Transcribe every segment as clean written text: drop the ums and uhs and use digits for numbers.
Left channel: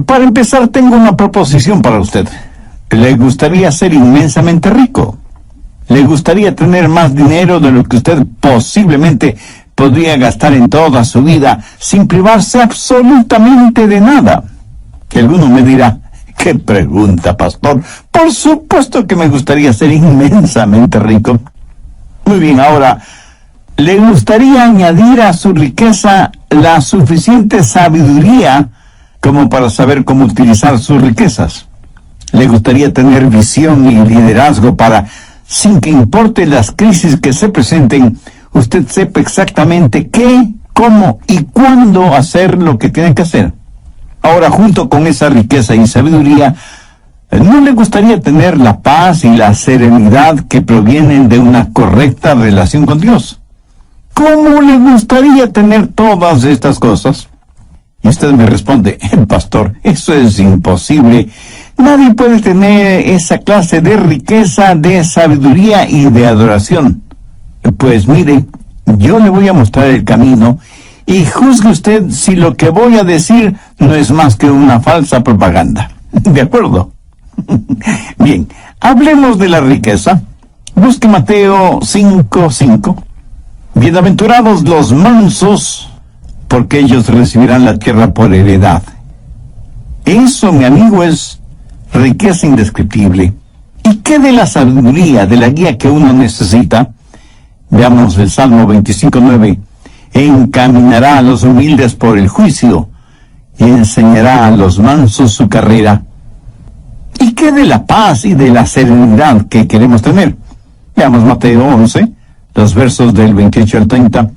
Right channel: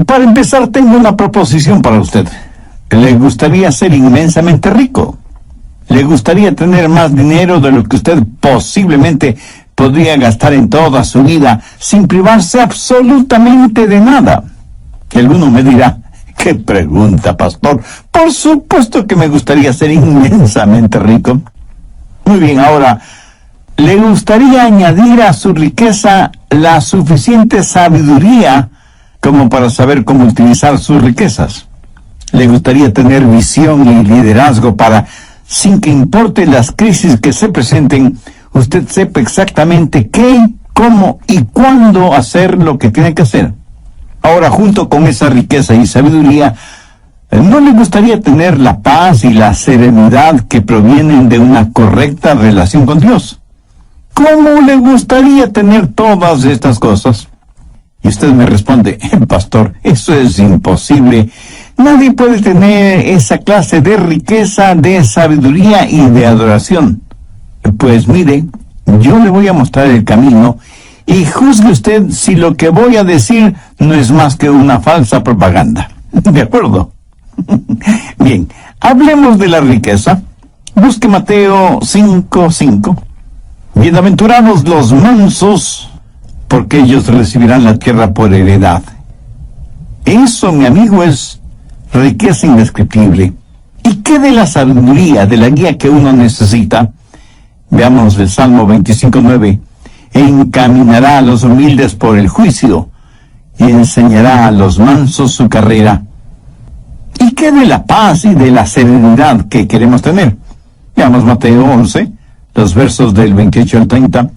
Para empezar, tengo una proposición para usted. ¿Le gustaría ser inmensamente rico? ¿Le gustaría tener más dinero de lo que usted posiblemente podría gastar en toda su vida sin privarse absolutamente de nada? Que alguno me dirá, ¿qué pregunta, pastor? Por supuesto que me gustaría ser inmensamente rico. Muy bien, ahora, ¿le gustaría añadir a su riqueza la suficiente sabiduría como para saber cómo utilizar sus riquezas? ¿Le gustaría tener visión y liderazgo para, sin que importe las crisis que se presenten, usted sepa exactamente qué, cómo y cuándo hacer lo que tiene que hacer? Ahora, junto con esa riqueza y sabiduría, ¿no le gustaría tener la paz y la serenidad que provienen de una correcta relación con Dios? ¿Cómo le gustaría tener todas estas cosas? Y usted me responde, pastor, eso es imposible. Nadie puede tener esa clase de riqueza, de sabiduría y de adoración. Pues mire, yo le voy a mostrar el camino y juzgue usted si lo que voy a decir no es más que una falsa propaganda. ¿De acuerdo? Bien, hablemos de la riqueza. Busque Mateo 5:5. Bienaventurados los mansos, porque ellos recibirán la tierra por heredad. Eso, mi amigo, es riqueza indescriptible. ¿Y qué de la sabiduría, de la guía que uno necesita? Veamos el Salmo 25:9. Encaminará a los humildes por el juicio y enseñará a los mansos su carrera. ¿Y qué de la paz y de la serenidad que queremos tener? Veamos Mateo 11, los versos del 28 al 30.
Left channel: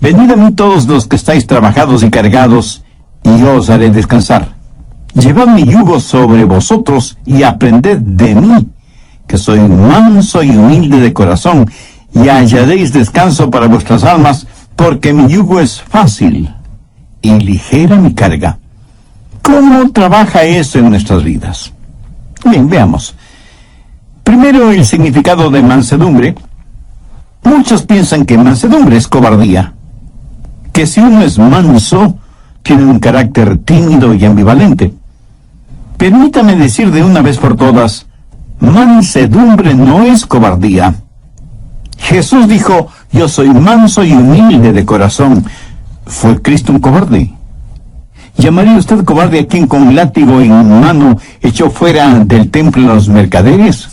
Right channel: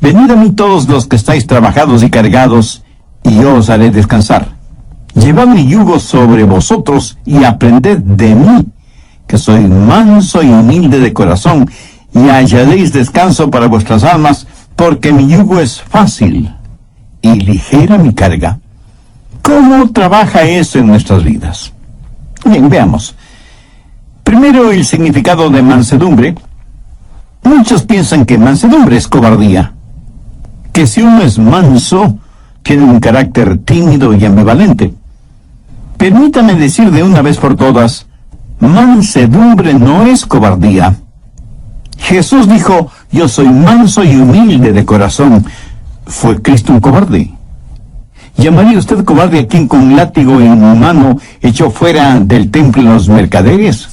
Venid a mí todos los que estáis trabajados y cargados, y yo os haré descansar. Llevad mi yugo sobre vosotros y aprended de mí, que soy manso y humilde de corazón, y hallaréis descanso para vuestras almas, porque mi yugo es fácil y ligera mi carga. ¿Cómo trabaja eso en nuestras vidas? Bien, veamos. Primero, el significado de mansedumbre. Muchos piensan que mansedumbre es cobardía, que si uno es manso, tiene un carácter tímido y ambivalente. Permítame decir de una vez por todas, mansedumbre no es cobardía. Jesús dijo, yo soy manso y humilde de corazón. ¿Fue Cristo un cobarde? ¿Llamaría usted cobarde a quien con látigo en mano echó fuera del templo los mercaderes?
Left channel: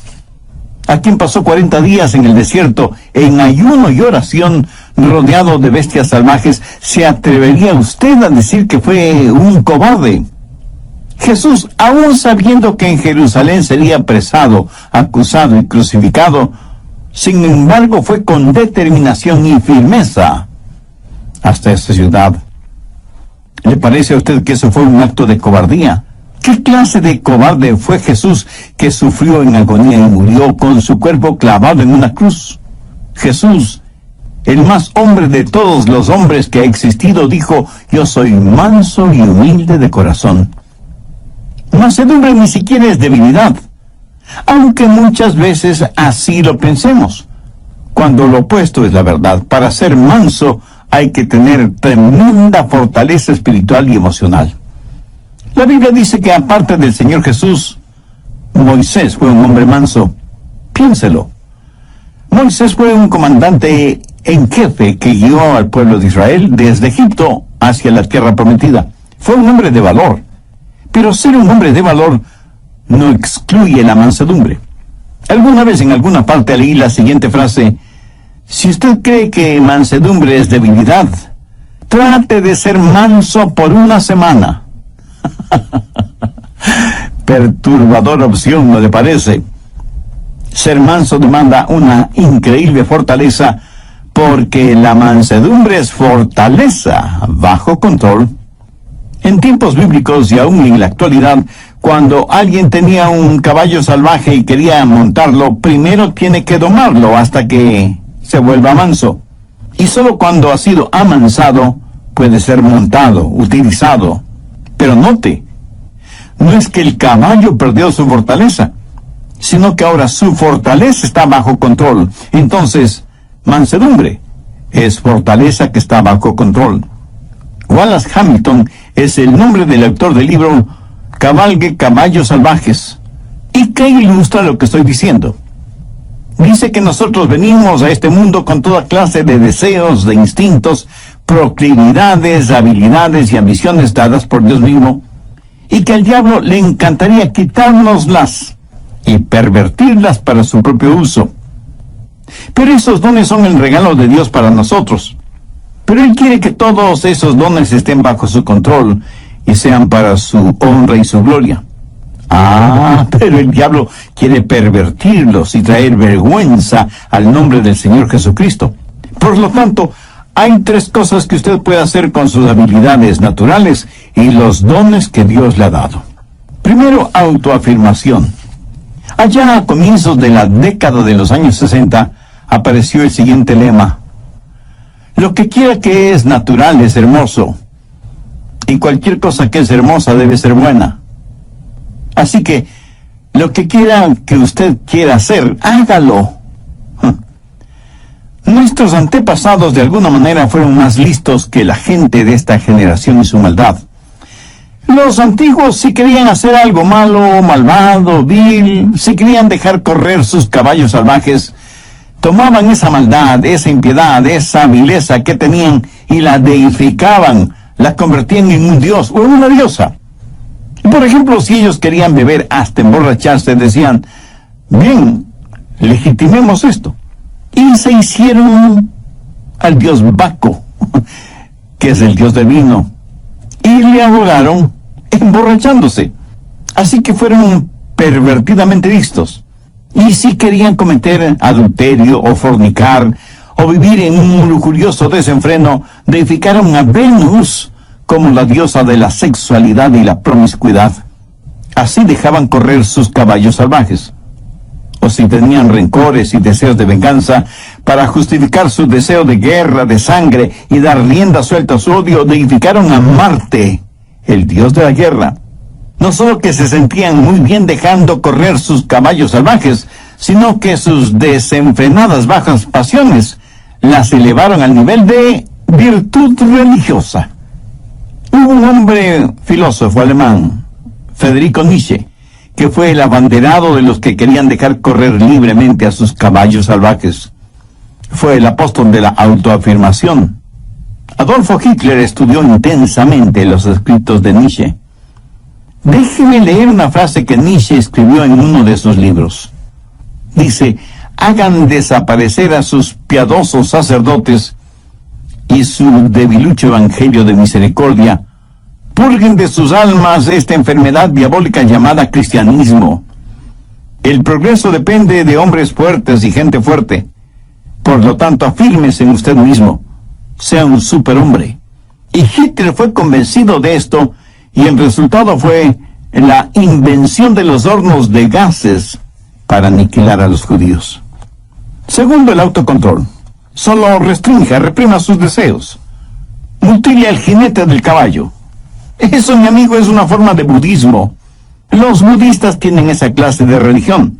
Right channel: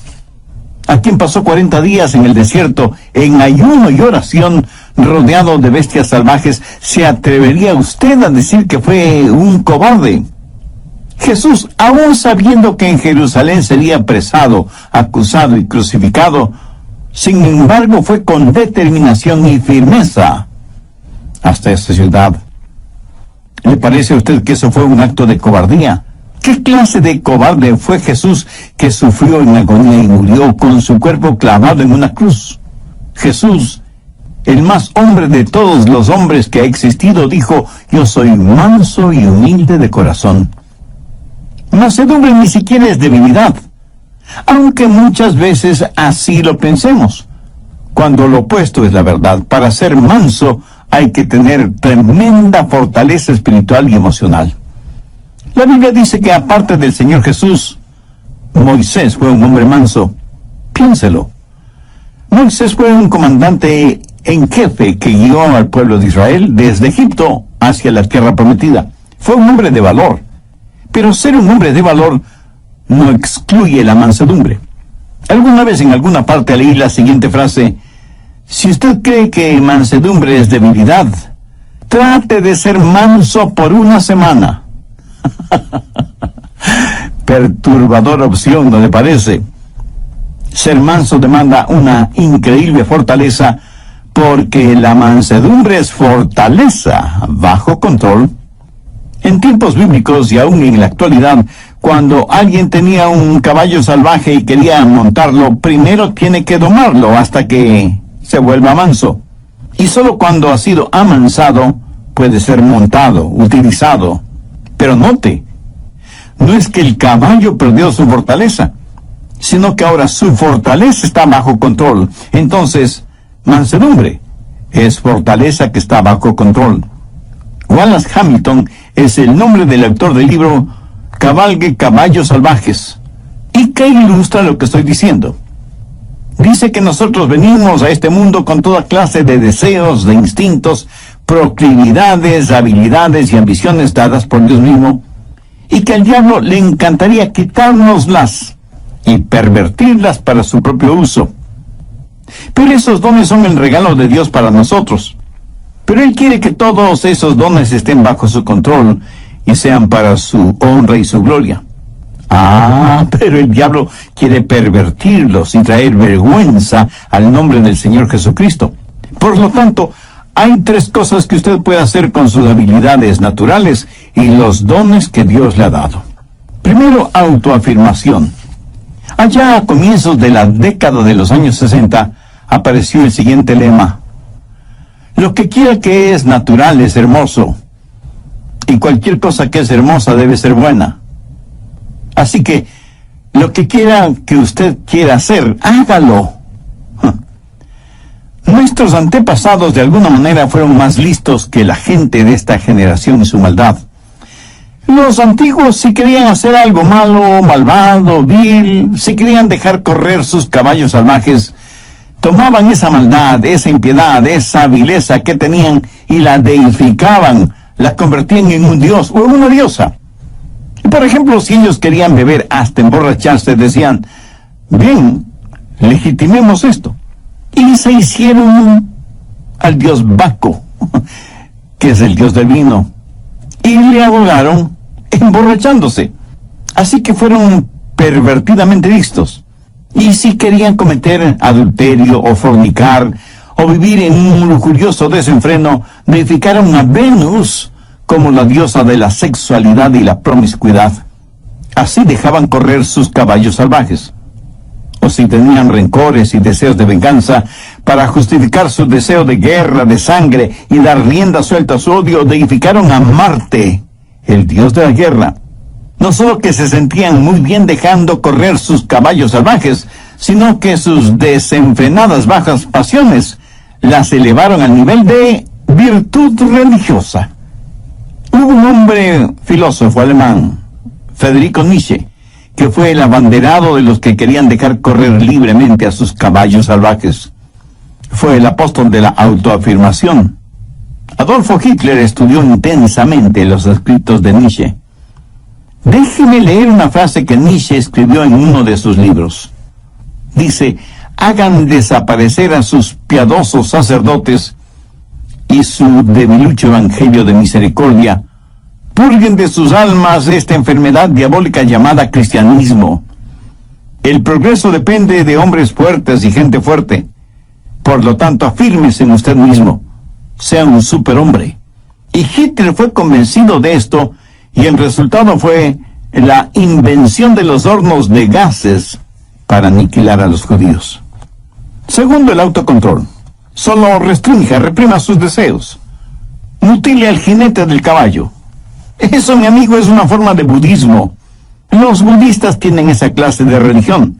¿A quien pasó 40 días en el desierto, en ayuno y oración, rodeado de bestias salvajes? ¿Se atrevería usted a decir que fue un cobarde? Jesús, aún sabiendo que en Jerusalén sería apresado, acusado y crucificado, sin embargo fue con determinación y firmeza hasta esta ciudad. ¿Le parece a usted que eso fue un acto de cobardía? ¿Qué clase de cobarde fue Jesús que sufrió en agonía y murió con su cuerpo clavado en una cruz? Jesús, el más hombre de todos los hombres que ha existido, dijo, yo soy manso y humilde de corazón. Mansedumbre ni siquiera es debilidad, aunque muchas veces así lo pensemos, cuando lo opuesto es la verdad. Para ser manso hay que tener tremenda fortaleza espiritual y emocional. La Biblia dice que aparte del Señor Jesús, Moisés fue un hombre manso. Piénselo. Moisés fue un comandante en jefe que guió al pueblo de Israel desde Egipto hacia la tierra prometida. Fue un hombre de valor. Pero ser un hombre de valor no excluye la mansedumbre. Alguna vez en alguna parte leí la siguiente frase: si usted cree que mansedumbre es debilidad, trate de ser manso por una semana. Perturbadora opción, ¿no le parece? Ser manso demanda una increíble fortaleza, porque la mansedumbre es fortaleza bajo control. En tiempos bíblicos y aún en la actualidad, cuando alguien tenía un caballo salvaje y quería montarlo, primero tiene que domarlo hasta que se vuelva manso. Y solo cuando ha sido amansado puede ser montado, utilizado. Pero note, no es que el caballo perdió su fortaleza, sino que ahora su fortaleza está bajo control. Entonces, mansedumbre es fortaleza que está bajo control. Wallace Hamilton es el nombre del autor del libro cabalgue caballos salvajes. ¿Y qué ilustra lo que estoy diciendo? Dice que nosotros venimos a este mundo con toda clase de deseos, de instintos, proclividades, habilidades y ambiciones dadas por Dios mismo, y que al diablo le encantaría quitárnoslas y pervertirlas para su propio uso. Pero esos dones son el regalo de Dios para nosotros. Pero Él quiere que todos esos dones estén bajo su control y sean para su honra y su gloria. Pero el diablo quiere pervertirlos y traer vergüenza al nombre del Señor Jesucristo. Por lo tanto, hay tres cosas que usted puede hacer con sus habilidades naturales y los dones que Dios le ha dado. Primero, autoafirmación. Allá a comienzos de la década de los años 60, apareció el siguiente lema: lo que quiera que es natural es hermoso, y cualquier cosa que es hermosa debe ser buena. Así que, lo que quiera que usted quiera hacer, hágalo. Nuestros antepasados de alguna manera fueron más listos que la gente de esta generación y su maldad. Los antiguos, si querían hacer algo malo, malvado, vil, si querían dejar correr sus caballos salvajes, tomaban esa maldad, esa impiedad, esa vileza que tenían y la deificaban, la convertían en un dios o en una diosa. Por ejemplo, si ellos querían beber hasta emborracharse, decían: bien, legitimemos esto. Y se hicieron al dios Baco, que es el dios del vino, y le adoraron emborrachándose. Así que fueron pervertidamente listos. Y si querían cometer adulterio o fornicar, o vivir en un lujurioso desenfreno, deificaron a Venus como la diosa de la sexualidad y la promiscuidad. Así dejaban correr sus caballos salvajes. O si tenían rencores y deseos de venganza, para justificar su deseo de guerra, de sangre, y dar rienda suelta a su odio, deificaron a Marte, el dios de la guerra. No solo que se sentían muy bien dejando correr sus caballos salvajes, sino que sus desenfrenadas bajas pasiones las elevaron al nivel de virtud religiosa. Hubo un hombre filósofo alemán, Friedrich Nietzsche, que fue el abanderado de los que querían dejar correr libremente a sus caballos salvajes. Fue el apóstol de la autoafirmación. Adolfo Hitler estudió intensamente los escritos de Nietzsche. Déjeme leer una frase que Nietzsche escribió en uno de sus libros. Dice: hagan desaparecer a sus piadosos sacerdotes y su debilucho evangelio de misericordia. Purguen de sus almas esta enfermedad diabólica llamada cristianismo. El progreso depende de hombres fuertes y gente fuerte. Por lo tanto, afírmese en usted mismo. Sea un superhombre. Y Hitler fue convencido de esto, y el resultado fue la invención de los hornos de gases para aniquilar a los judíos. Segundo, el autocontrol. Solo restrinja, reprima sus deseos. Mutile al jinete del caballo. Eso, mi amigo, es una forma de budismo. Los budistas tienen esa clase de religión.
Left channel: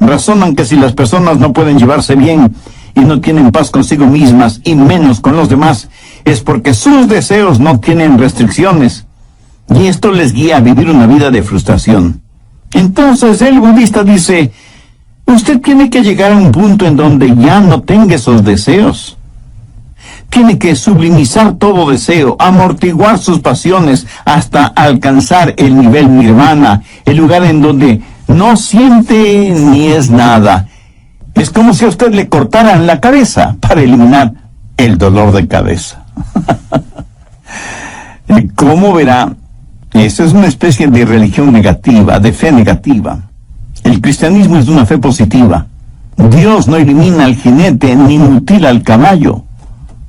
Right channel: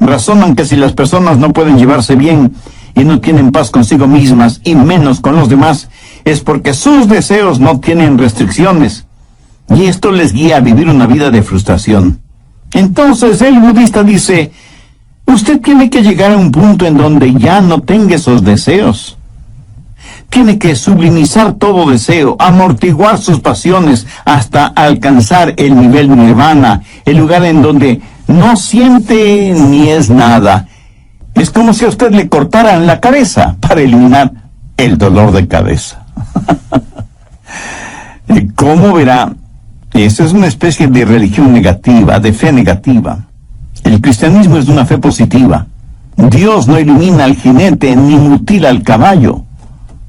Razonan que si las personas no pueden llevarse bien y no tienen paz consigo mismas y menos con los demás, es porque sus deseos no tienen restricciones. Y esto les guía a vivir una vida de frustración. Entonces el budista dice: usted tiene que llegar a un punto en donde ya no tenga esos deseos. Tiene que sublimizar todo deseo, amortiguar sus pasiones hasta alcanzar el nivel nirvana, el lugar en donde no siente ni es nada. Es como si a usted le cortaran la cabeza para eliminar el dolor de cabeza. ¿Cómo verá? Esa es una especie de religión negativa, de fe negativa. El cristianismo es una fe positiva. Dios no elimina al jinete ni mutila al caballo.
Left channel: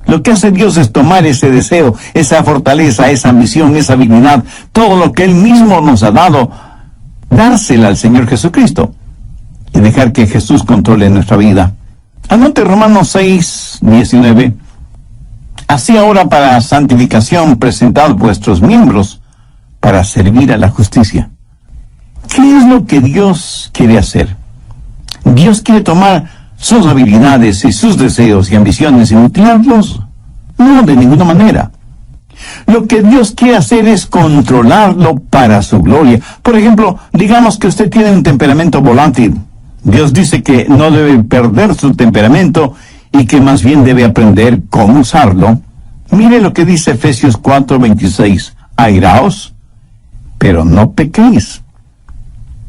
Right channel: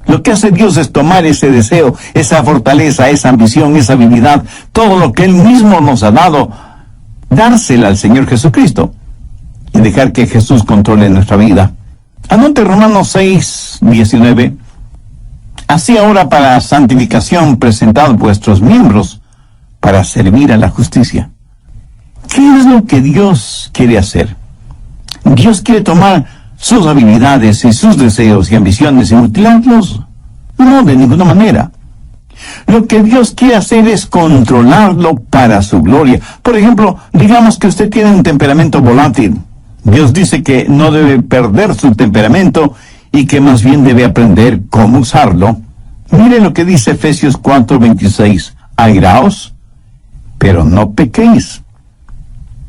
Lo que hace Dios es tomar ese deseo, esa fortaleza, esa ambición, esa habilidad, todo lo que Él mismo nos ha dado, dársela al Señor Jesucristo y dejar que Jesús controle nuestra vida. Anote Romanos 6, 19. Así ahora, para santificación, presentad vuestros miembros para servir a la justicia. ¿Qué es lo que Dios quiere hacer? Dios quiere tomar sus habilidades y sus deseos y ambiciones y mutilarlos. No, de ninguna manera. Lo que Dios quiere hacer es controlarlo para su gloria. Por ejemplo, digamos que usted tiene un temperamento volátil. Dios dice que no debe perder su temperamento y que más bien debe aprender cómo usarlo. Mire lo que dice Efesios 4:26. Airaos, pero no pequéis.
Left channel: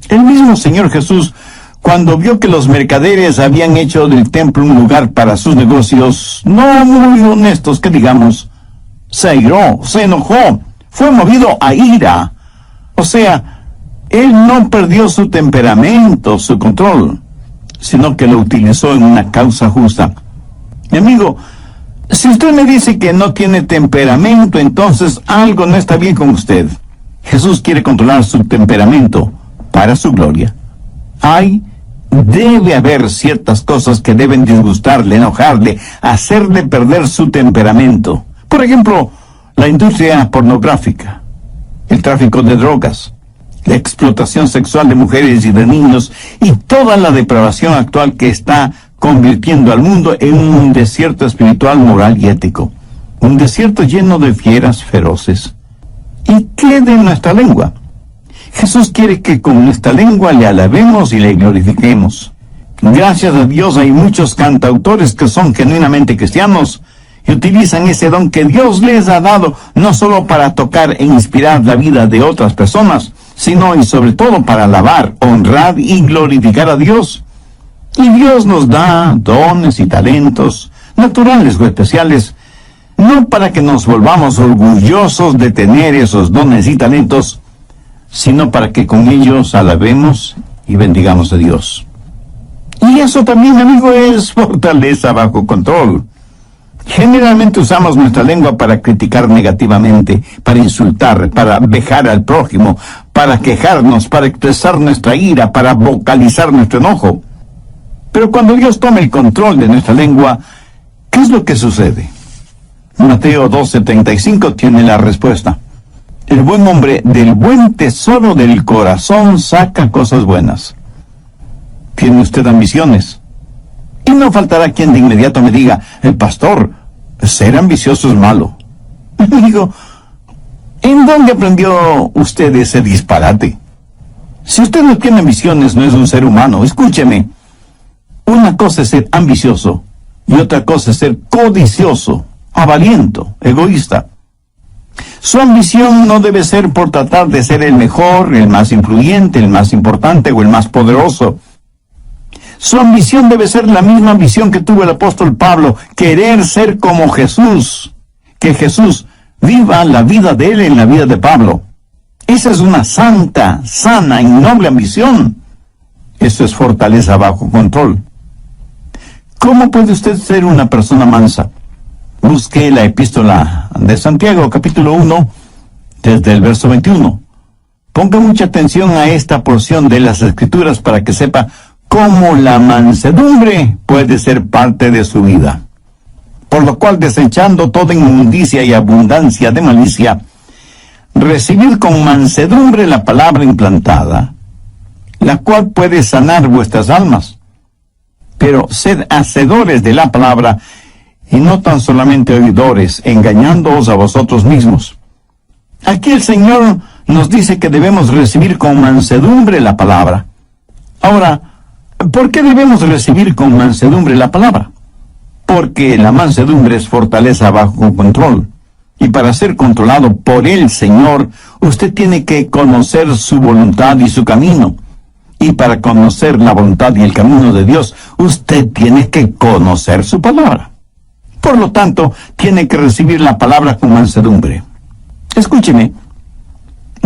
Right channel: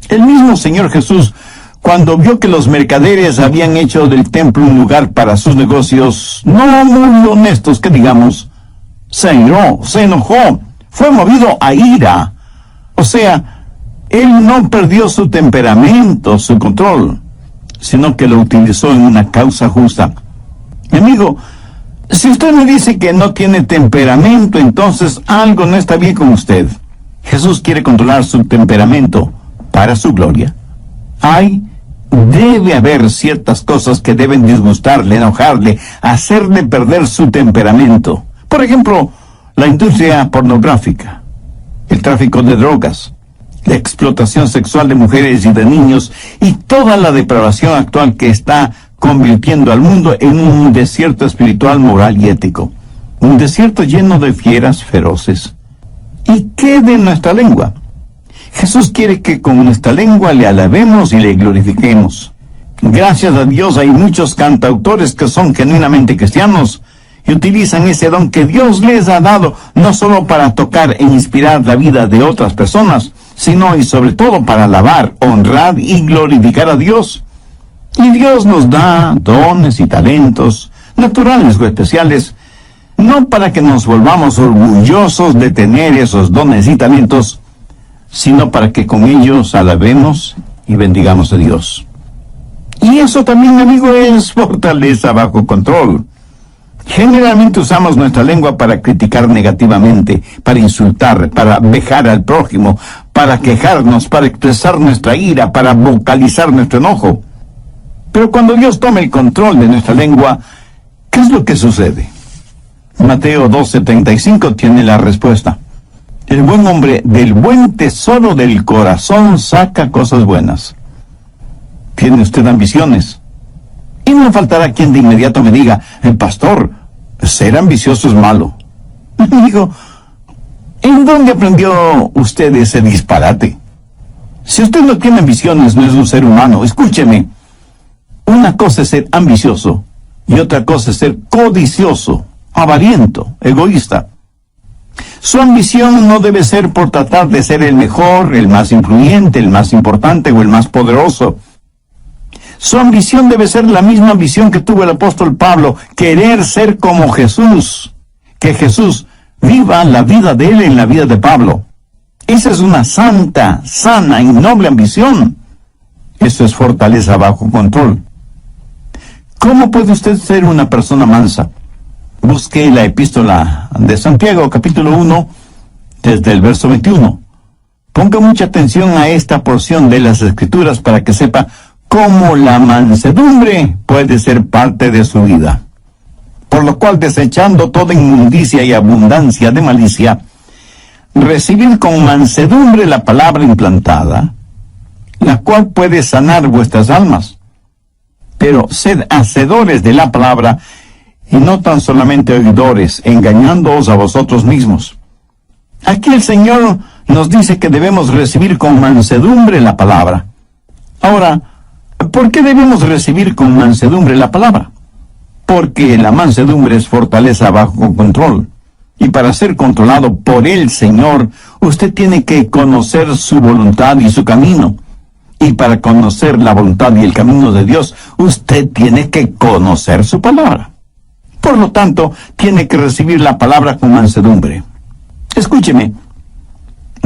El mismo Señor Jesús, cuando vio que los mercaderes habían hecho del templo un lugar para sus negocios, no muy honestos que digamos, se airó, se enojó, fue movido a ira. O sea, él no perdió su temperamento, su control, sino que lo utilizó en una causa justa. Mi amigo, si usted me dice que no tiene temperamento, entonces algo no está bien con usted. Jesús quiere controlar su temperamento para su gloria. Debe haber ciertas cosas que deben disgustarle, enojarle, hacerle perder su temperamento. Por ejemplo, la industria pornográfica, el tráfico de drogas, la explotación sexual de mujeres y de niños y toda la depravación actual que está convirtiendo al mundo en un desierto espiritual, moral y ético. Un desierto lleno de fieras feroces. ¿Y qué de nuestra lengua? Jesús quiere que con nuestra lengua le alabemos y le glorifiquemos. Gracias a Dios hay muchos cantautores que son genuinamente cristianos y utilizan ese don que Dios les ha dado no solo para tocar e inspirar la vida de otras personas, sino y sobre todo para alabar, honrar y glorificar a Dios. Y Dios nos da dones y talentos, naturales o especiales, no para que nos volvamos orgullosos de tener esos dones y talentos, sino para que con ellos alabemos y bendigamos a Dios. Y eso también, amigo, es fortaleza bajo control. Generalmente usamos nuestra lengua para criticar negativamente, para insultar, para vejar al prójimo, para quejarnos, para expresar nuestra ira, para vocalizar nuestro enojo. Pero cuando Dios toma el control de nuestra lengua, ¿qué es lo que sucede? Mateo 12:35 tiene la respuesta. El buen hombre del buen tesoro del corazón saca cosas buenas. ¿Tiene usted ambiciones? Y no faltará quien de inmediato me diga, el pastor, ser ambicioso es malo. Amigo, ¿en dónde aprendió usted ese disparate? Si usted no tiene ambiciones, no es un ser humano. Escúcheme, una cosa es ser ambicioso y otra cosa es ser codicioso, avariento, egoísta. Su ambición no debe ser por tratar de ser el mejor, el más influyente, el más importante o el más poderoso. Su ambición debe ser la misma ambición que tuvo el apóstol Pablo, querer ser como Jesús, que Jesús viva la vida de él en la vida de Pablo. Esa es una santa, sana y noble ambición. Eso es fortaleza bajo control. ¿Cómo puede usted ser una persona mansa? Busque la epístola de Santiago, capítulo 1, desde el verso 21. Ponga mucha atención a esta porción de las Escrituras para que sepa cómo la mansedumbre puede ser parte de su vida. Por lo cual, desechando toda inmundicia y abundancia de malicia, recibid con mansedumbre la palabra implantada, la cual puede sanar vuestras almas. Pero sed hacedores de la palabra, y no tan solamente oidores, engañándoos a vosotros mismos. Aquí el Señor nos dice que debemos recibir con mansedumbre la palabra. Ahora, ¿por qué debemos recibir con mansedumbre la palabra? Porque la mansedumbre es fortaleza bajo control. Y para ser controlado por el Señor, usted tiene que conocer su voluntad y su camino. Y para conocer la voluntad y el camino de Dios, usted tiene que conocer su palabra. Por lo tanto, tiene que recibir la palabra con mansedumbre. Escúcheme,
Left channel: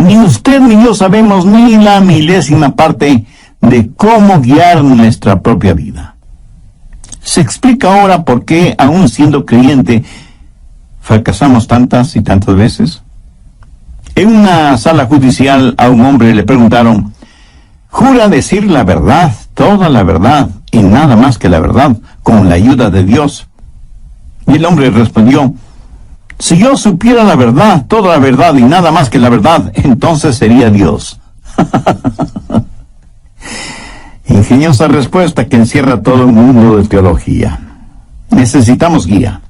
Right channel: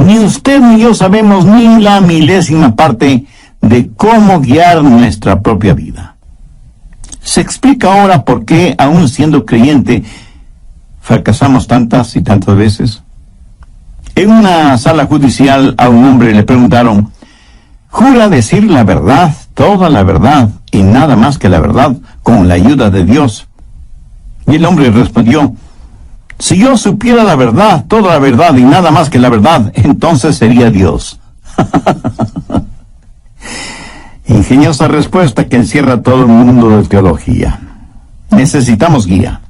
ni usted ni yo sabemos ni la milésima parte de cómo guiar nuestra propia vida. Se explica ahora por qué, aún siendo creyente, fracasamos tantas y tantas veces. En una sala judicial a un hombre le preguntaron, ¿jura decir la verdad, toda la verdad, y nada más que la verdad, con la ayuda de Dios? Y el hombre respondió, si yo supiera la verdad, toda la verdad y nada más que la verdad, entonces sería Dios. Ingeniosa respuesta que encierra todo un mundo de teología. Necesitamos guía.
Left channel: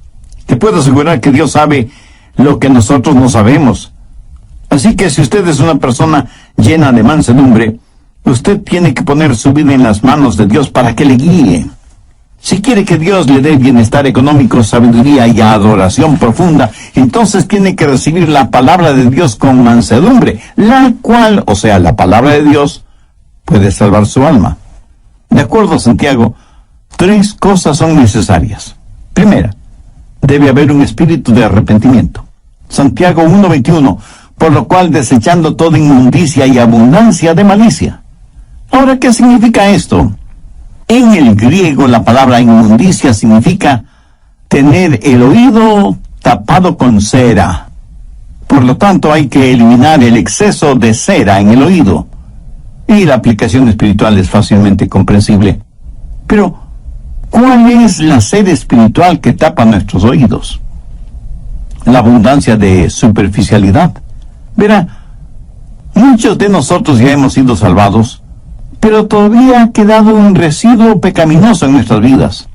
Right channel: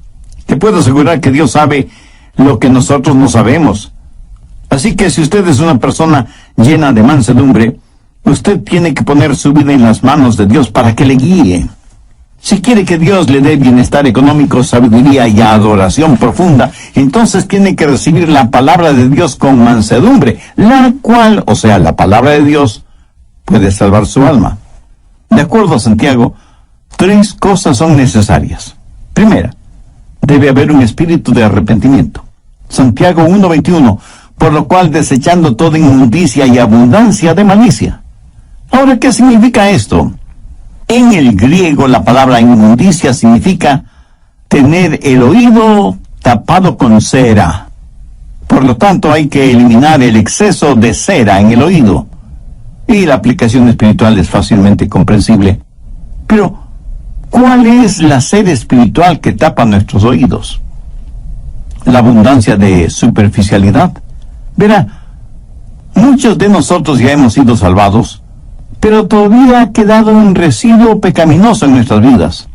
Te puedo asegurar que Dios sabe lo que nosotros no sabemos. Así que si usted es una persona llena de mansedumbre, usted tiene que poner su vida en las manos de Dios para que le guíe. Si quiere que Dios le dé bienestar económico, sabiduría y adoración profunda, entonces tiene que recibir la palabra de Dios con mansedumbre, la cual, o sea, la palabra de Dios, puede salvar su alma. De acuerdo a Santiago, 3 cosas son necesarias. Primera, debe haber un espíritu de arrepentimiento. Santiago 1:21, por lo cual desechando toda inmundicia y abundancia de malicia. Ahora, ¿qué significa esto? En el griego, la palabra inmundicia significa tener el oído tapado con cera. Por lo tanto, hay que eliminar el exceso de cera en el oído. Y la aplicación espiritual es fácilmente comprensible. Pero, ¿cuál es la cera espiritual que tapa nuestros oídos? La abundancia de superficialidad. Verá, muchos de nosotros ya hemos sido salvados, pero todavía ha quedado un residuo pecaminoso en nuestras vidas.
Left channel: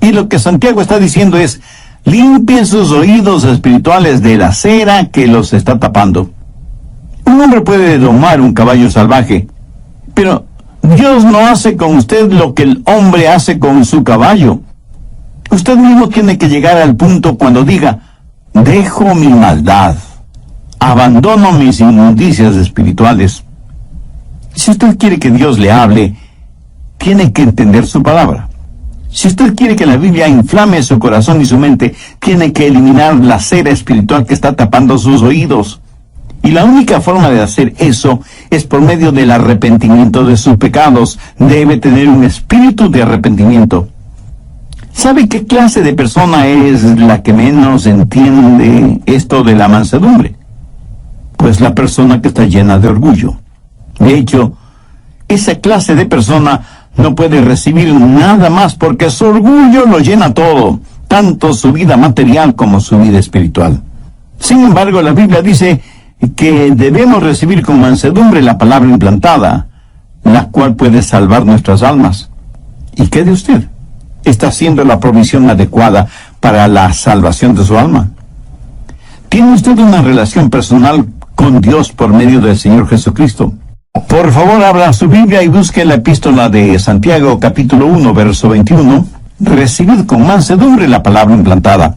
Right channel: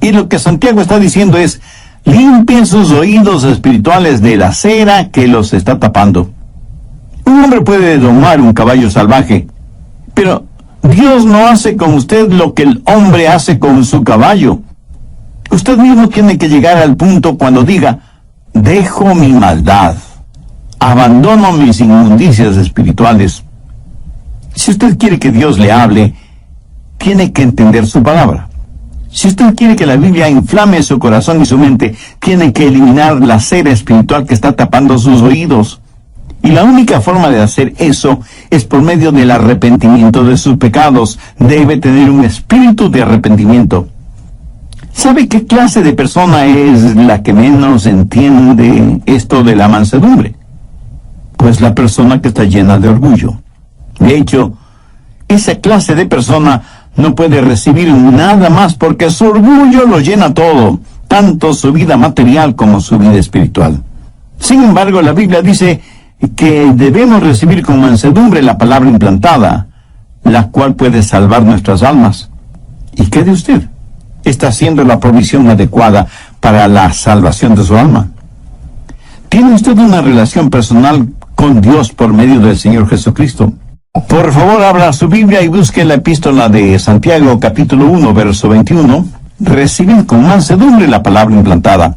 Y lo que Santiago está diciendo es, limpien sus oídos espirituales de la cera que los está tapando. Un hombre puede domar un caballo salvaje, pero Dios no hace con usted lo que el hombre hace con su caballo. Usted mismo tiene que llegar al punto cuando diga, dejo mi maldad, abandono mis inmundicias espirituales. Si usted quiere que Dios le hable, tiene que entender su palabra. Si usted quiere que la Biblia inflame su corazón y su mente, tiene que eliminar la cera espiritual que está tapando sus oídos. Y la única forma de hacer eso es por medio del arrepentimiento de sus pecados. Debe tener un espíritu de arrepentimiento. ¿Sabe qué clase de persona es la que menos entiende esto de la mansedumbre? Pues la persona que está llena de orgullo. De hecho, esa clase de persona no puede recibir nada más porque su orgullo lo llena todo, tanto su vida material como su vida espiritual. Sin embargo, la Biblia dice que debemos recibir con mansedumbre la palabra implantada, la cual puede salvar nuestras almas. ¿Y qué de usted? ¿Está haciendo la provisión adecuada para la salvación de su alma? ¿Tiene usted una relación personal con Dios por medio del Señor Jesucristo? Por favor, abra su Biblia y busque la epístola de Santiago, capítulo 1, verso 21. Recibid con mansedumbre la palabra implantada.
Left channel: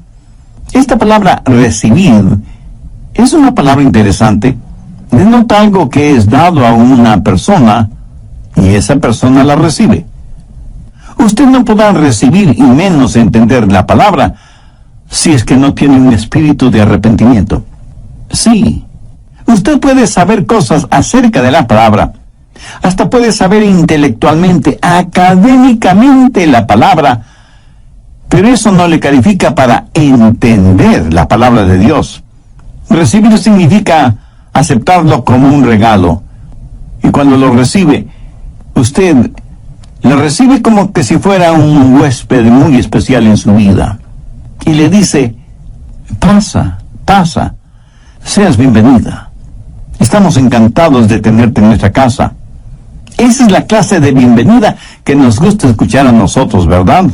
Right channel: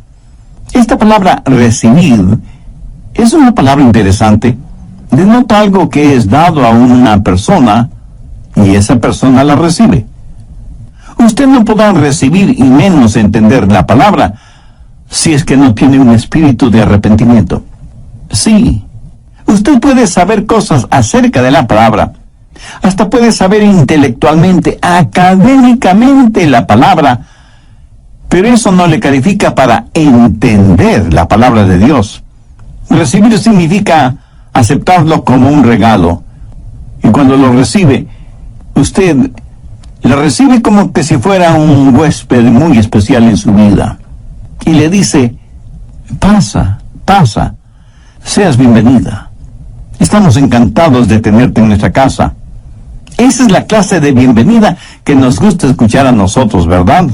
Esta palabra recibir es una palabra interesante. Denota algo que es dado a una persona y esa persona la recibe. Usted no podrá recibir y menos entender la palabra si es que no tiene un espíritu de arrepentimiento. Sí. Usted puede saber cosas acerca de la palabra, hasta puede saber intelectualmente, académicamente la palabra, pero eso no le califica para entender la palabra de Dios. Recibir significa aceptarlo como un regalo, y cuando lo recibe, usted lo recibe como que si fuera un huésped muy especial en su vida, y le dice, pasa, seas bienvenida. Estamos encantados de tenerte en nuestra casa. Esa es la clase de bienvenida que nos gusta escuchar a nosotros, ¿verdad?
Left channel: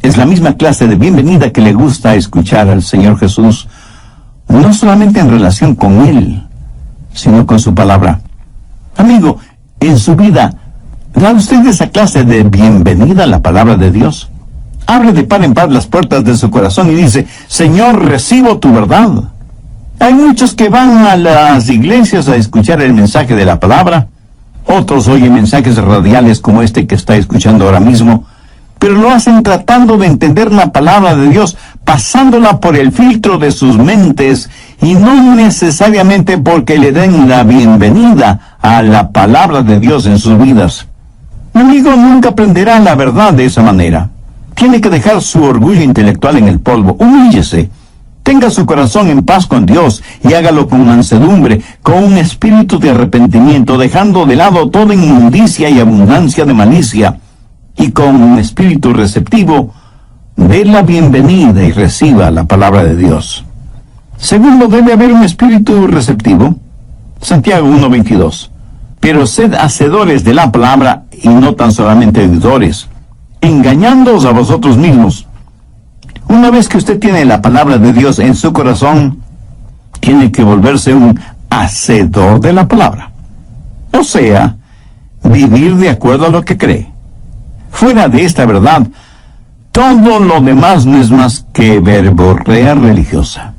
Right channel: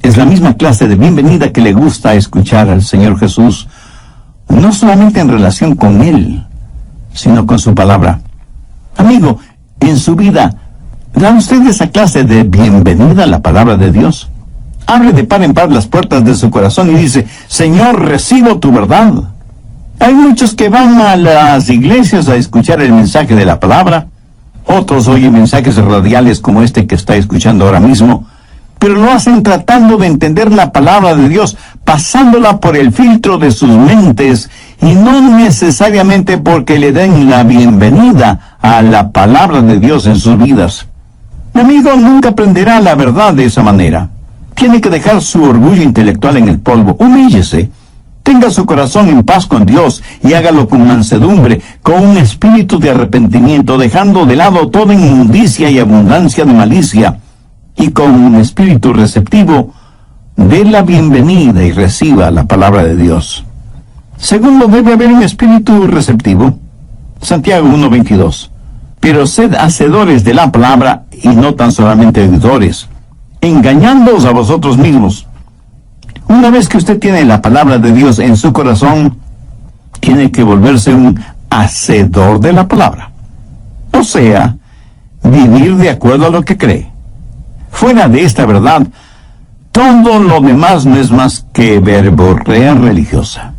Es la misma clase de bienvenida que le gusta escuchar al Señor Jesús, no solamente en relación con Él, sino con su palabra. Amigo, en su vida, ¿da usted esa clase de bienvenida a la palabra de Dios? Abre de par en par las puertas de su corazón y dice, Señor, recibo tu verdad. Hay muchos que van a las iglesias a escuchar el mensaje de la palabra. Otros oyen mensajes radiales como este que está escuchando ahora mismo, pero lo hacen tratando de entender la palabra de Dios, pasándola por el filtro de sus mentes, y no necesariamente porque le den la bienvenida a la palabra de Dios en sus vidas. Mi amigo nunca aprenderá la verdad de esa manera. Tiene que dejar su orgullo intelectual en el polvo. Humíllese. Tenga su corazón en paz con Dios y hágalo con mansedumbre, con un espíritu de arrepentimiento, dejando de lado toda inmundicia y abundancia de malicia, y con un espíritu receptivo, dé la bienvenida y reciba la palabra de Dios. Segundo, debe haber un espíritu receptivo. Santiago 1:22. Pero sed hacedores de la palabra y no tan solamente oidores, engañándoos a vosotros mismos. Una vez que usted tiene la palabra de Dios en su corazón, tiene que volverse un hacedor de la palabra. O sea, vivir de acuerdo a lo que cree. Fuera de esta verdad, todo lo demás no es más que verborrea religiosa.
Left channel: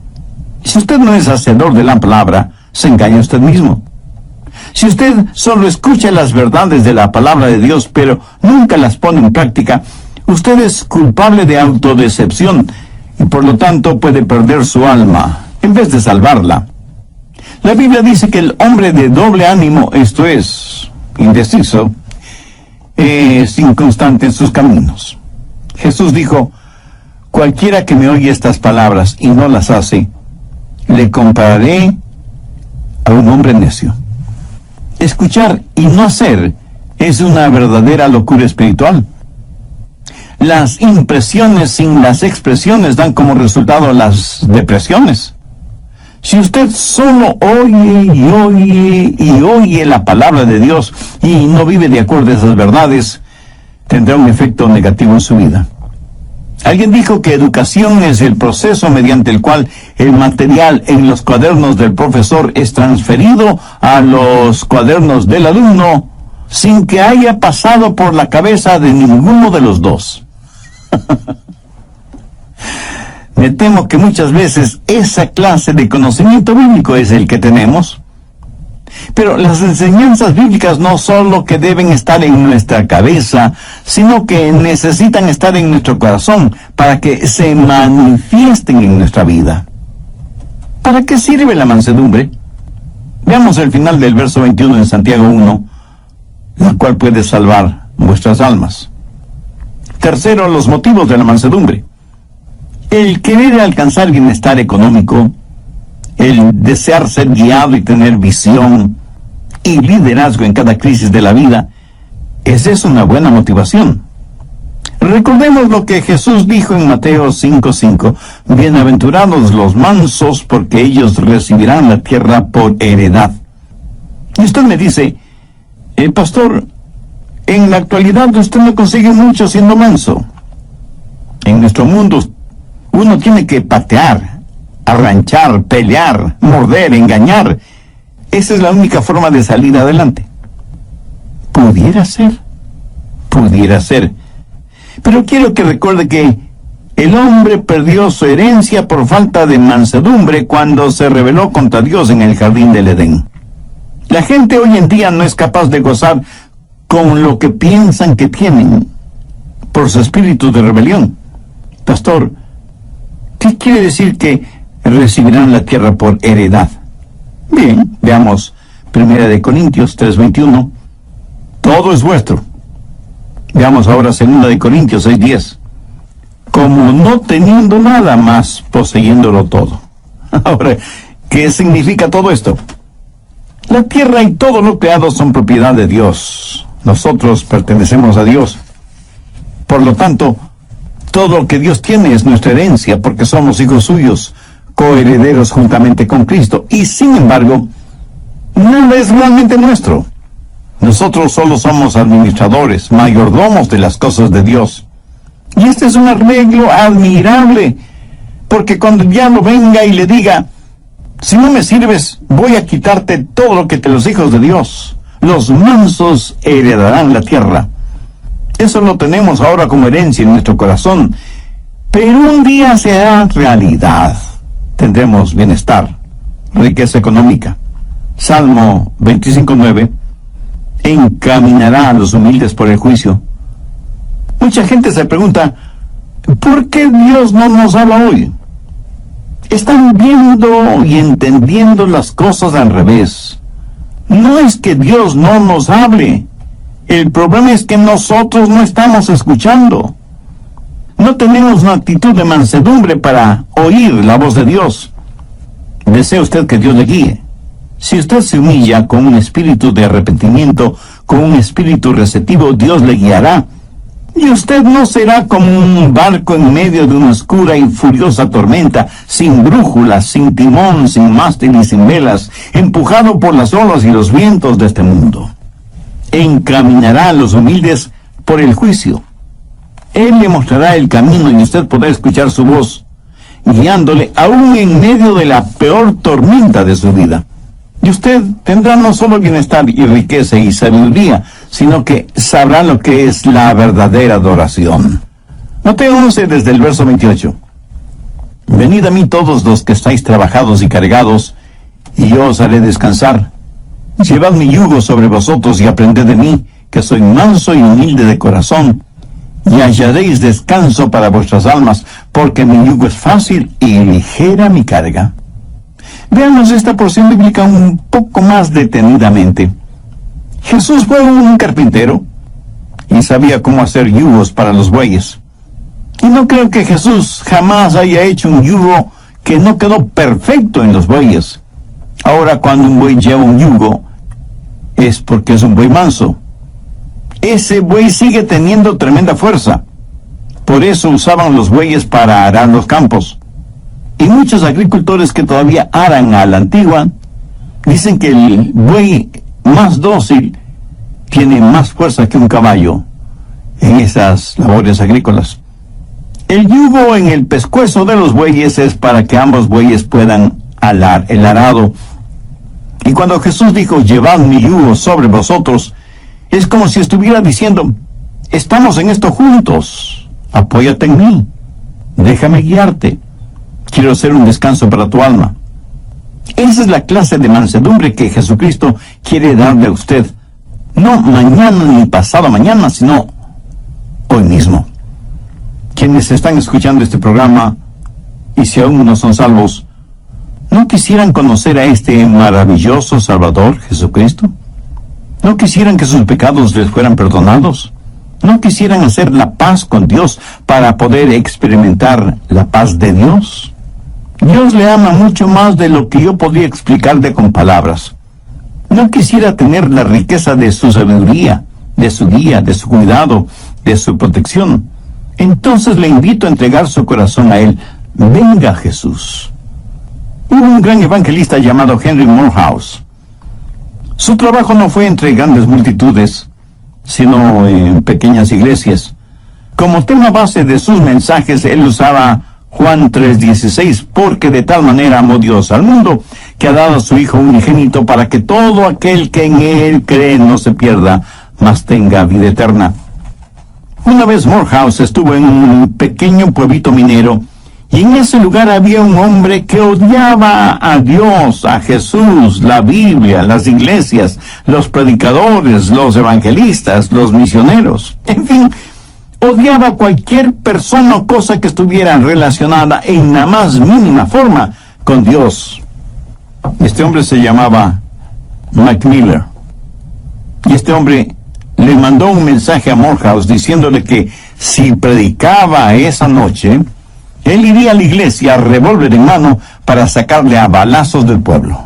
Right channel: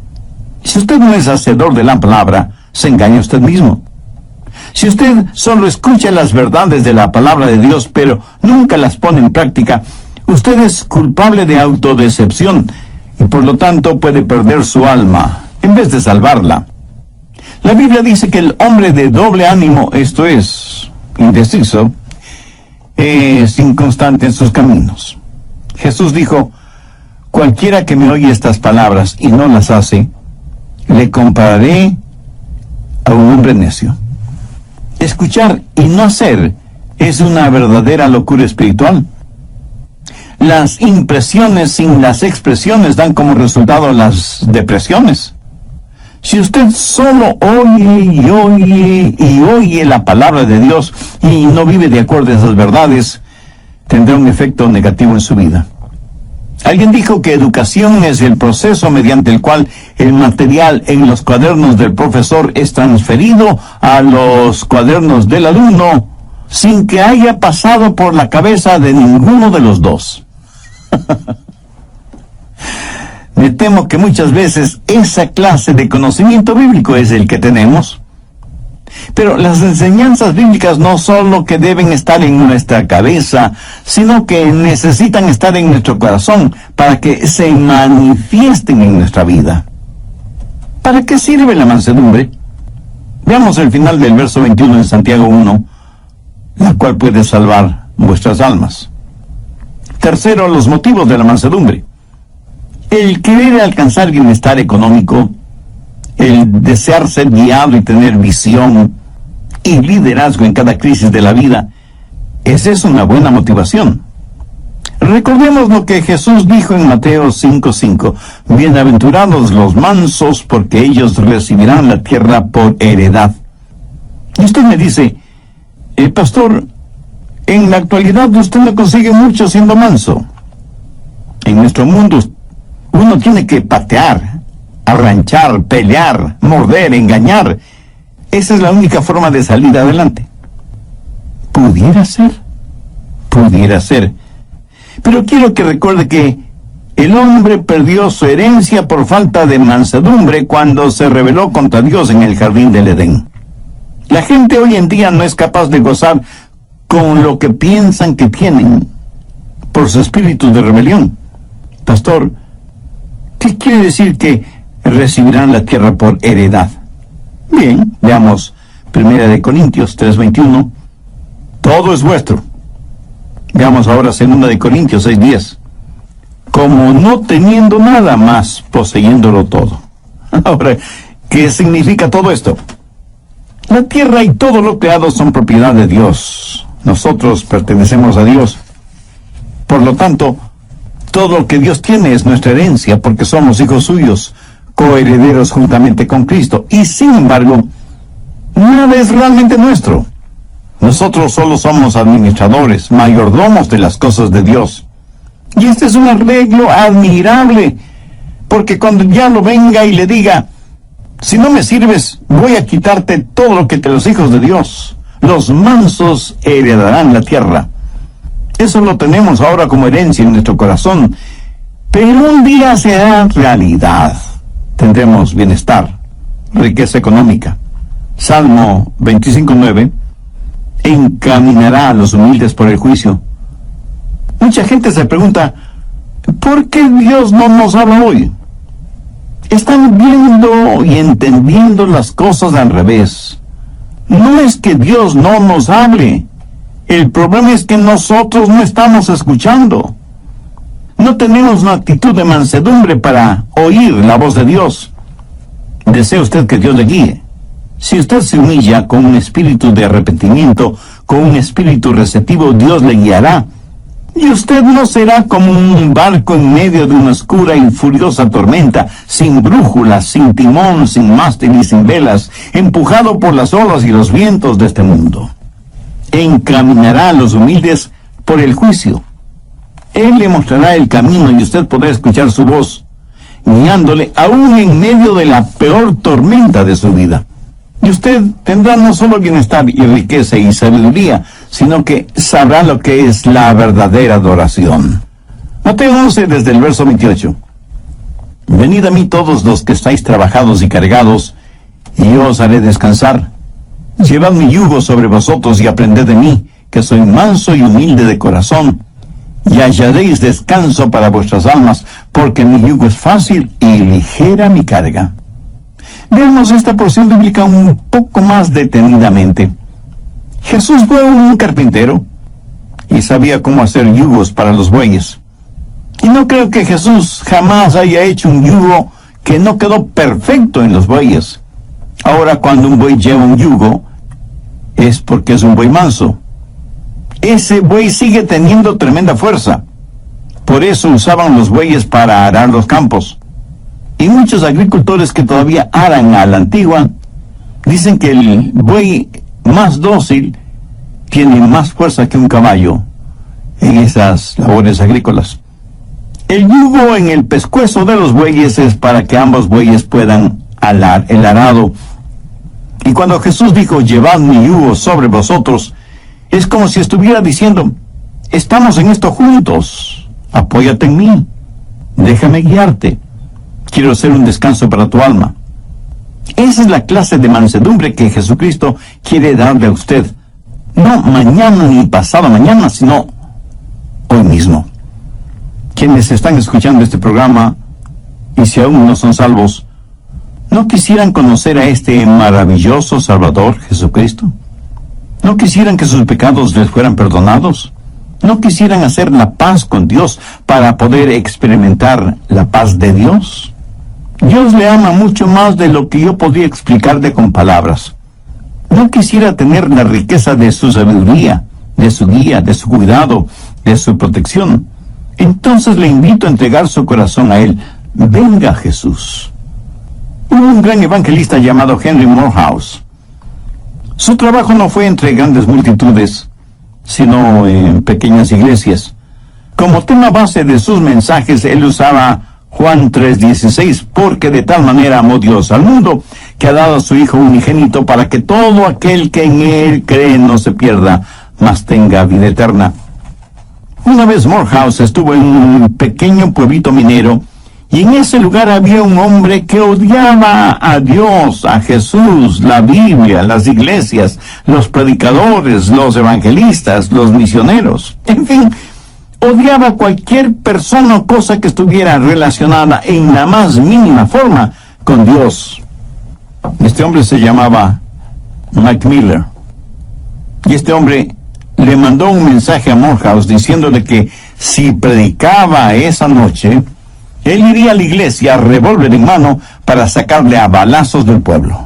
Si usted no es hacedor de la palabra, se engaña usted mismo. Si usted solo escucha las verdades de la palabra de Dios, pero nunca las pone en práctica, usted es culpable de autodecepción y por lo tanto puede perder su alma en vez de salvarla. La Biblia dice que el hombre de doble ánimo, esto es, indeciso, es inconstante en sus caminos. Jesús dijo: cualquiera que me oye estas palabras y no las hace, le compararé a un hombre necio. Escuchar y no hacer es una verdadera locura espiritual. Las impresiones sin las expresiones dan como resultado las depresiones. Si usted solo oye y oye y oye la palabra de Dios y no vive de acuerdo a esas verdades, tendrá un efecto negativo en su vida. Alguien dijo que educación es el proceso mediante el cual el material en los cuadernos del profesor es transferido a los cuadernos del alumno sin que haya pasado por la cabeza de ninguno de los dos. Me temo que muchas veces esa clase de conocimiento bíblico es el que tenemos. Pero las enseñanzas bíblicas no solo que deben estar en nuestra cabeza, sino que necesitan estar en nuestro corazón para que se manifiesten en nuestra vida. ¿Para qué sirve la mansedumbre? Veamos el final del verso 21 en Santiago 1, la cual puede salvar vuestras almas. Tercero, los motivos de la mansedumbre. El querer alcanzar bienestar económico, el desear ser guiado y tener visión y liderazgo en cada crisis de la vida, esa es una buena motivación. Recordemos lo que Jesús dijo en Mateo 5:5, bienaventurados los mansos, porque ellos recibirán la tierra por heredad. Y usted me dice, pastor, en la actualidad usted no consigue mucho siendo manso. En nuestro mundo uno tiene que patear, arranchar, pelear, morder, engañar. Esa es la única forma de salir adelante. Pudiera ser. Pero quiero que recuerde que el hombre perdió su herencia por falta de mansedumbre cuando se rebeló contra Dios en el jardín del Edén. La gente hoy en día no es capaz de gozar con lo que piensan que tienen por su espíritu de rebelión. Pastor, ¿qué quiere decir que recibirán la tierra por heredad? Bien, veamos 1 Corintios 3:21. Todo es vuestro. Veamos ahora 2 Corintios 6:10. Como no teniendo nada más, poseyéndolo todo. Ahora, ¿qué significa todo esto? La tierra y todo lo creado son propiedad de Dios. Nosotros pertenecemos a Dios. Por lo tanto, todo lo que Dios tiene es nuestra herencia, porque somos hijos suyos, coherederos juntamente con Cristo. Y sin embargo, nada es realmente nuestro. Nosotros solo somos administradores, mayordomos de las cosas de Dios. Y este es un arreglo admirable, porque cuando el diablo venga y le diga, si no me sirves, voy a quitarte todo lo que te los hijos de Dios, los mansos heredarán la tierra. Eso lo tenemos ahora como herencia en nuestro corazón, pero un día será realidad. Tendremos bienestar, riqueza económica. Salmo 25:9, encaminará a los humildes por el juicio. Mucha gente se pregunta, ¿por qué Dios no nos habla hoy? Están viendo y entendiendo las cosas al revés. No es que Dios no nos hable. El problema es que nosotros no estamos escuchando. No tenemos una actitud de mansedumbre para oír la voz de Dios. ¿Desea usted que Dios le guíe? Si usted se humilla con un espíritu de arrepentimiento, con un espíritu receptivo, Dios le guiará. Y usted no será como un barco en medio de una oscura y furiosa tormenta, sin brújula, sin timón, sin mástil y sin velas, empujado por las olas y los vientos de este mundo. Encaminará a los humildes por el juicio. Él le mostrará el camino y usted podrá escuchar su voz, guiándole aún en medio de la peor tormenta de su vida. Y usted tendrá no solo bienestar y riqueza y sabiduría, sino que sabrá lo que es la verdadera adoración. Mateo 11 desde el verso 28. Venid a mí todos los que estáis trabajados y cargados, y yo os haré descansar. Llevad mi yugo sobre vosotros y aprended de mí, que soy manso y humilde de corazón, y hallaréis descanso para vuestras almas, porque mi yugo es fácil y ligera mi carga. Veamos esta porción bíblica un poco más detenidamente. Jesús fue un carpintero y sabía cómo hacer yugos para los bueyes. Y no creo que Jesús jamás haya hecho un yugo que no quedó perfecto en los bueyes. Ahora, cuando un buey lleva un yugo, es porque es un buey manso. Ese buey sigue teniendo tremenda fuerza. Por eso usaban los bueyes para arar los campos. Y muchos agricultores que todavía aran a la antigua, dicen que el buey más dócil tiene más fuerza que un caballo en esas labores agrícolas. El yugo en el pescuezo de los bueyes es para que ambos bueyes puedan alar el arado. Y cuando Jesús dijo, llevad mi yugo sobre vosotros, es como si estuviera diciendo, estamos en esto juntos, apóyate en mí, déjame guiarte, quiero hacer un descanso para tu alma. Esa es la clase de mansedumbre que Jesucristo quiere darle a usted, no mañana ni pasado mañana, sino hoy mismo. Quienes están escuchando este programa, y si aún no son salvos, ¿no quisieran conocer a este maravilloso Salvador, Jesucristo? ¿No quisieran que sus pecados les fueran perdonados? ¿No quisieran hacer la paz con Dios para poder experimentar la paz de Dios? Dios le ama mucho más de lo que yo podría explicarle con palabras. ¿No quisiera tener la riqueza de su sabiduría, de su guía, de su cuidado, de su protección? Entonces le invito a entregar su corazón a Él. Venga, Jesús. Hubo un gran evangelista llamado Henry Morehouse. Su trabajo no fue entre grandes multitudes, sino en pequeñas iglesias. Como tema base de sus mensajes, él usaba Juan 3:16, porque de tal manera amó Dios al mundo, que ha dado a su Hijo unigénito para que todo aquel que en Él cree no se pierda, mas tenga vida eterna. Una vez Morehouse estuvo en un pequeño pueblito minero, y en ese lugar había un hombre que odiaba a Dios, a Jesús, la Biblia, las iglesias, los predicadores, los evangelistas, los misioneros. En fin, odiaba a cualquier persona o cosa que estuviera relacionada en la más mínima forma con Dios. Este hombre se llamaba Mike Miller. Y este hombre le mandó un mensaje a Morehouse diciéndole que si predicaba esa noche, él iría a la iglesia, revólver en mano, para sacarle a balazos del pueblo.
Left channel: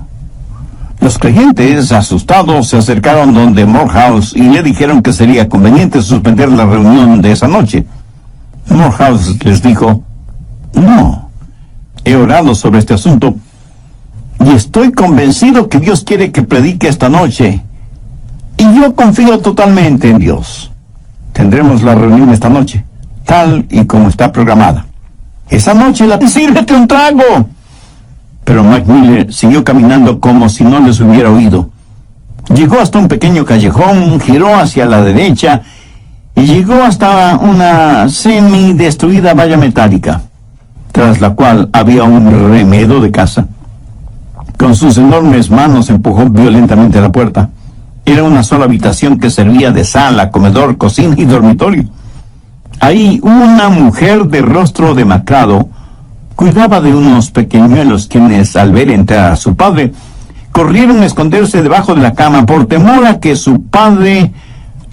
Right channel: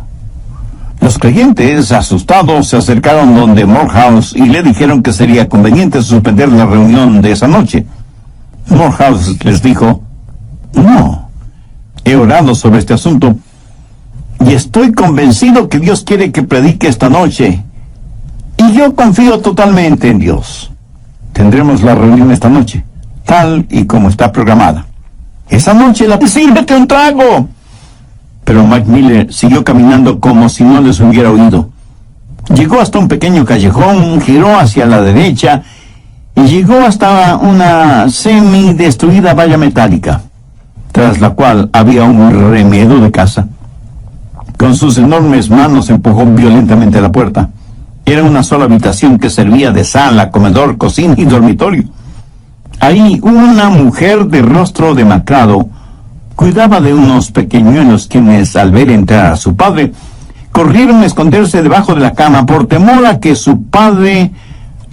Los creyentes, asustados, se acercaron donde Morehouse y le dijeron que sería conveniente suspender la reunión de esa noche. Morehouse les dijo, no, he orado sobre este asunto y estoy convencido que Dios quiere que predique esta noche. Y yo confío totalmente en Dios. Tendremos la reunión esta noche, tal y como está programada. Esa noche sírvete un trago. Pero Mike Miller siguió caminando como si no les hubiera oído. Llegó hasta un pequeño callejón, giró hacia la derecha y llegó hasta una semi-destruida valla metálica, tras la cual había un remedo de casa. Con sus enormes manos empujó violentamente la puerta. Era una sola habitación que servía de sala, comedor, cocina y dormitorio. Ahí una mujer de rostro demacrado cuidaba de unos pequeñuelos quienes, al ver entrar a su padre, corrieron a esconderse debajo de la cama por temor a que su padre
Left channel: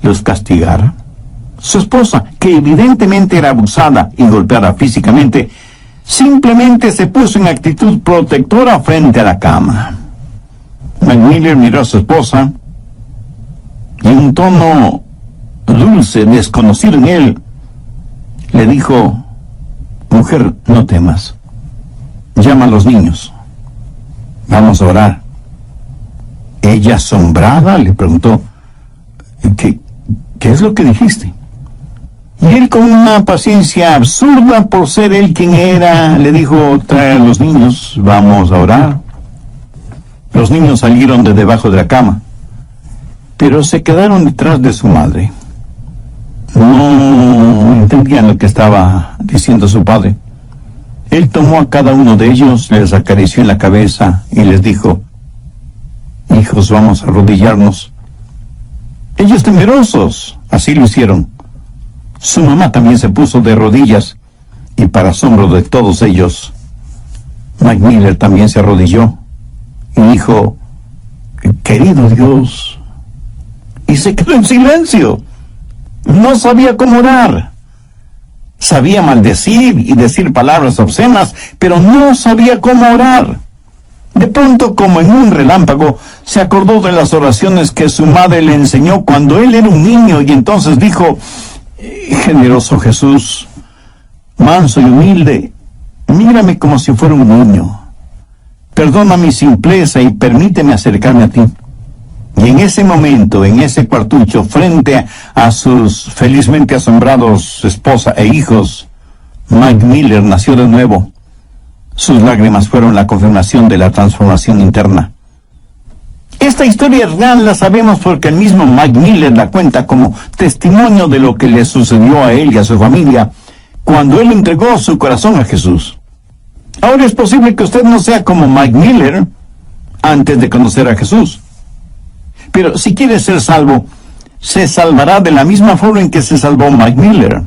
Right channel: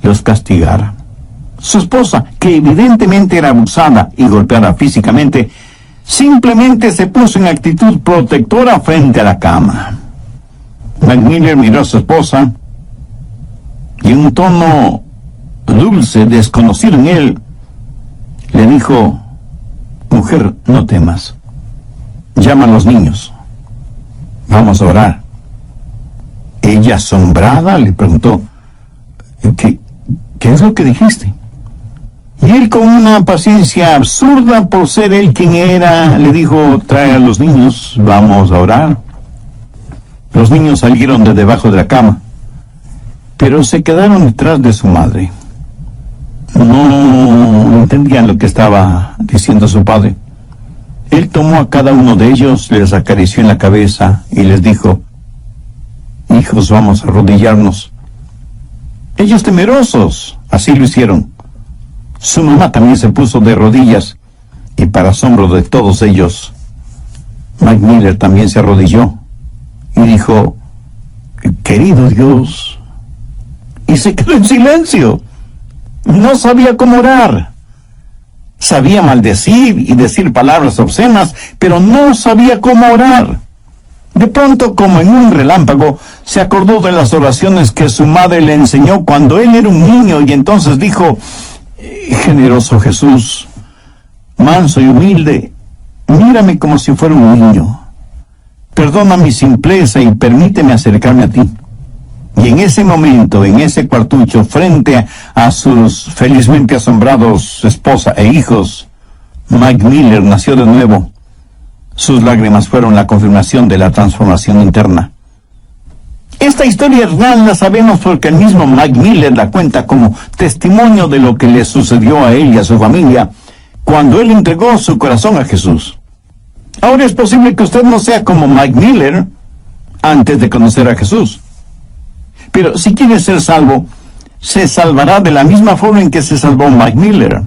los castigara. Su esposa, que evidentemente era abusada y golpeada físicamente, simplemente se puso en actitud protectora frente a la cama. Mike Miller miró a su esposa y en un tono dulce, desconocido en él, le dijo, mujer, no temas. Llama a los niños. Vamos a orar. Ella, asombrada, le preguntó, ¿qué es lo que dijiste? Y él, con una paciencia absurda por ser él quien era, le dijo: trae a los niños, vamos a orar. Los niños salieron de debajo de la cama, pero se quedaron detrás de su madre. No entendían lo que estaba diciendo su padre. Él tomó a cada uno de ellos, les acarició en la cabeza y les dijo: hijos, vamos a arrodillarnos. Ellos, temerosos, así lo hicieron. Su mamá también se puso de rodillas, y para asombro de todos ellos, Mike Miller también se arrodilló y dijo: querido Dios. Y se quedó en silencio. No sabía cómo orar. Sabía maldecir y decir palabras obscenas, pero no sabía cómo orar. De pronto, como en un relámpago, se acordó de las oraciones que su madre le enseñó cuando él era un niño, y entonces dijo: generoso Jesús, manso y humilde, mírame como si fuera un niño. Perdona mi simpleza y permíteme acercarme a ti. Y en ese momento, en ese cuartucho, frente a sus felizmente asombrados esposa e hijos, Mike Miller nació de nuevo. Sus lágrimas fueron la confirmación de la transformación interna. Esta historia real la sabemos porque el mismo Mike Miller la cuenta como testimonio de lo que le sucedió a él y a su familia cuando él entregó su corazón a Jesús. Ahora, es posible que usted no sea como Mike Miller antes de conocer a Jesús. Pero si quiere ser salvo, se salvará de la misma forma en que se salvó Mike Miller.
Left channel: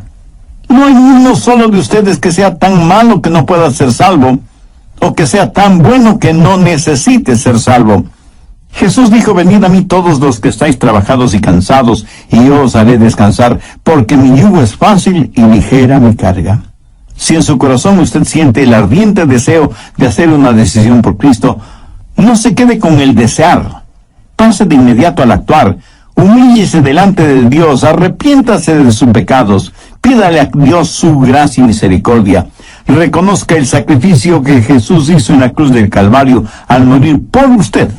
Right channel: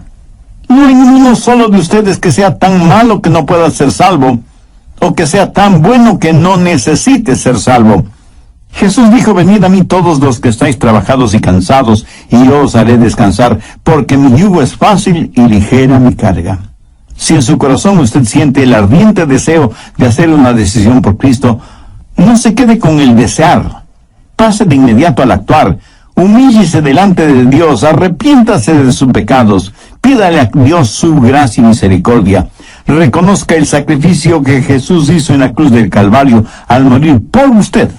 No hay uno solo de ustedes que sea tan malo que no pueda ser salvo, o que sea tan bueno que no necesite ser salvo. Jesús dijo: venid a mí todos los que estáis trabajados y cansados, y yo os haré descansar, porque mi yugo es fácil y ligera mi carga. Si en su corazón usted siente el ardiente deseo de hacer una decisión por Cristo, no se quede con el desear. Pase de inmediato al actuar. Humíllese delante de Dios, arrepiéntase de sus pecados, pídale a Dios su gracia y misericordia. Reconozca el sacrificio que Jesús hizo en la cruz del Calvario al morir por usted,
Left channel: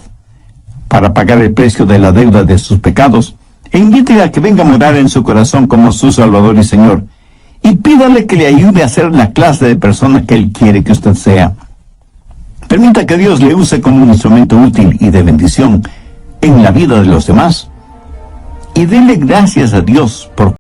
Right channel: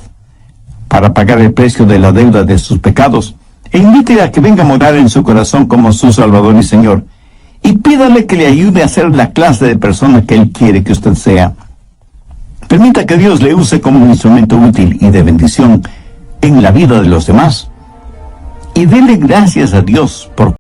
para pagar el precio de la deuda de sus pecados, e invítele a que venga a morar en su corazón como su Salvador y Señor, y pídale que le ayude a ser la clase de persona que Él quiere que usted sea. Permita que Dios le use como un instrumento útil y de bendición en la vida de los demás, y dele gracias a Dios por